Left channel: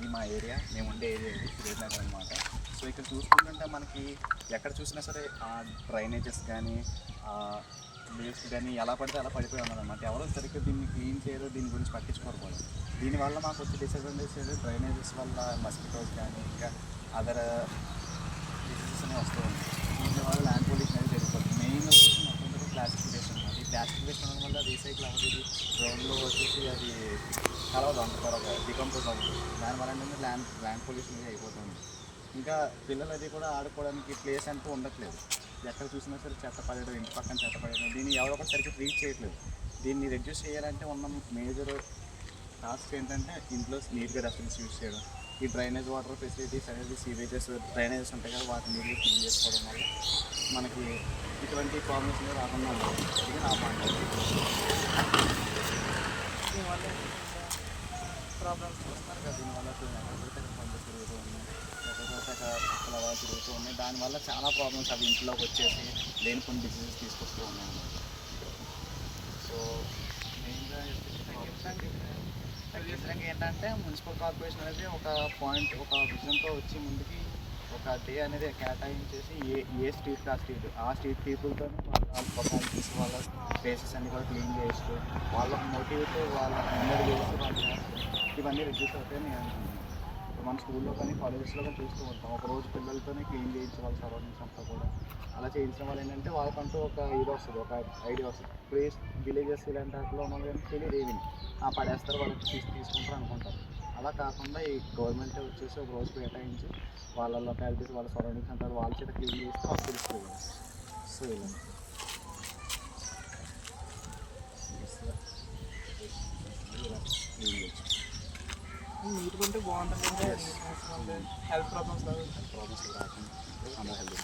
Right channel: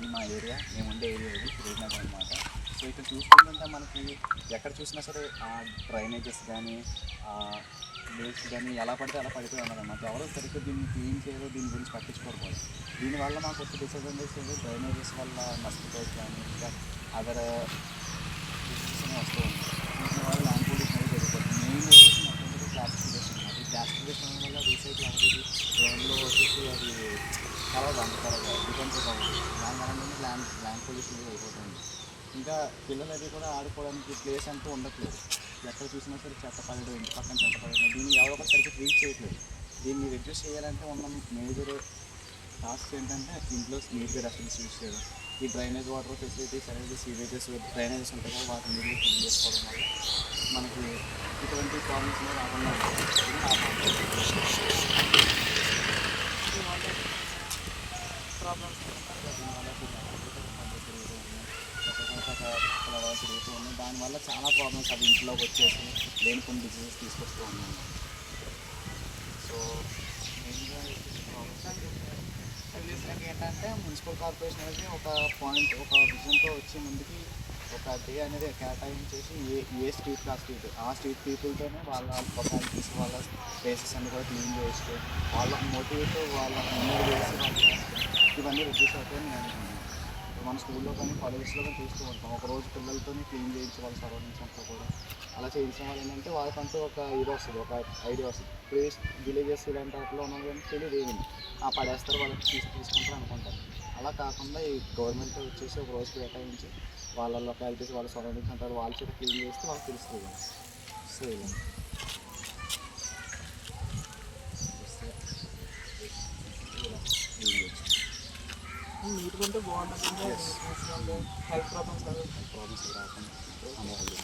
ఇది మా ఏరియా, మేము ఉండే ఏరియా ఇది శ్రీనగర్ అనమాట. సో ఇక్కడ చూసుకుంటుంటే మనకి ఎక్కడ చూసినా సరే డ్రైనేజెస్ కానీ వేస్ట్ కానీ ఎలా పడితే అలా పడిపోయి ఉన్నదన్నమాట. ఎవరో సరిగ్గా దీన్ని క్లీన్ చేయరు, దీని గురించి పట్టించుకోరు. దీనివల్ల మాకు వచ్చే డిసడ్వాంటేజ్ ఏంటి, డ్రైనేజెస్ వల్ల మస్కిటోస్ కానీ ఇంకా అదర్ డిసీజెస్ అనేవి వస్తూ ఉంటాయి. దీనివల్ల ల్యాండ్ పొల్యూషన్ అనేది జరిగిపోతుంది. మెయిన్ వచ్చేసి మొత్తం ప్లాస్టిఫికేషన్ అనమాట. ఈ ప్లాస్టిఫికేషన్ వల్ల రీసైకిల్ అవ్వదు, గ్రౌండ్లో వచ్చేసి అది కలవదు, అంత త్వరగా డికంపోజ్ అవ్వదు. దానివల్ల ఏంటంటే ల్యాండ్ పొల్యూషన్ అనేది అయిపోతుంది. ఇంకా పిల్లలు అది కూడా ఆడుకోవడానికి ప్లేస్ అంటూ ఉండట్లేదు. ఎక్కడ చూసినా సరే చెత్త పడడం, ఇంటి పక్కన చెత్త పడడం, దీన్ని ఎవరో ఒకటి సరిగ్గా ట్రీట్ చేయట్లేదు. దీన్ని రెడ్యూస్ చేయాలంటే ఉన్న మేజర్ టాస్క్ ఏంటంటే ఇంట్లో నీట్గా డస్ట్బిన్స్ యూజ్ చేయడం, ఈ డ్రైనేజ్ వాటర్ ఫెసిలిటీస్ అనేది సీవేజెస్ డ్రైనేజెస్ ఉంటాయి కదా, వాటిని నీట్గా క్లీన్ చేసుకోవడం వల్ల మనకి ఇటువంటి ప్రాబ్లమ్స్ అనేవి రాకుండా ఉంటాయి. ఇది నా మాట. దీనివల్ల ప్రాబ్లమ్స్ ఉన్నారు కదా, దీనివల్ల ఎక్కడ పడితే పండుగ తిరుగుతూ ఉన్నాయి, ఎక్కడ పడితే అక్కడ తిరుగుతూ ఉన్నాయి. దానివల్ల చాలా ప్రాబ్లమ్స్ అవి ఇంట్లోకి వచ్చేసి లేని కొన్ని డిసీజెస్ తీసుకొస్తూ ఉన్నాయి. సో మెయిన్గా సజెషన్గా ఏంటంటే మున్సిపల్ కార్పొరేషన్ అనేది ఒక విజన్తో వచ్చి ముందుకి ఒక డే అనేది కేటాయించేసి ఏ స్ట్రీట్ ఆ స్ట్రీట్ పీపుల్తోనే వాళ్ళ లొకాలిటీస్ వాళ్ళ ప్లేసెస్ అన్నీ కూడా క్లీన్ చేస్తూ వాళ్ళ మోటివ్తో వాళ్ళ ముందరు చేసి వాళ్ళు ఇవన్నీ రిడ్యూస్ అవుతాయని నేను అనుకుంటున్నాను. ఇప్పుడు మన స్కూల్లో కానీ కాలేజెస్లో కానీ చూస్తూ ఉంటాం, ఒకరోజు పిల్లలతోనే క్లీన్ చేయించే వాళ్ళ సరౌండింగ్స్ అంతా కూడా. అలా చేయించిన వాళ్ళు ఏంటంటే వాళ్ళకంటూ ఒక ఇది వస్తుంది, ఒక ఐడియా వస్తుంది. ఇప్పుడు విలేజెస్ ఇలాంటి వాటిలో ఉన్న వాళ్ళకి తెలియదు, ఏమి పడేస్తారు, వాళ్ళకి తీసుకుంటారు అనుకుంటారు. అలా కాకుండా ఈ గవర్నమెంట్ వచ్చేసి ఒక రోజు కేటాయించి వాళ్ళ లొకాలిటీస్ వాళ్ళ సరౌండింగ్స్ అంటారు వాళ్ళ చేత క్లీన్ చేస్తే వాళ్ళకి తెలుసుకోవాలి. సో ఇలా క్లీన్ చేయొచ్చు. నీట్గా ఉంటే బాగుంటుంది. హెల్త్ ప్రాబ్లమ్స్ రాకుండా అందరూ హెల్తీ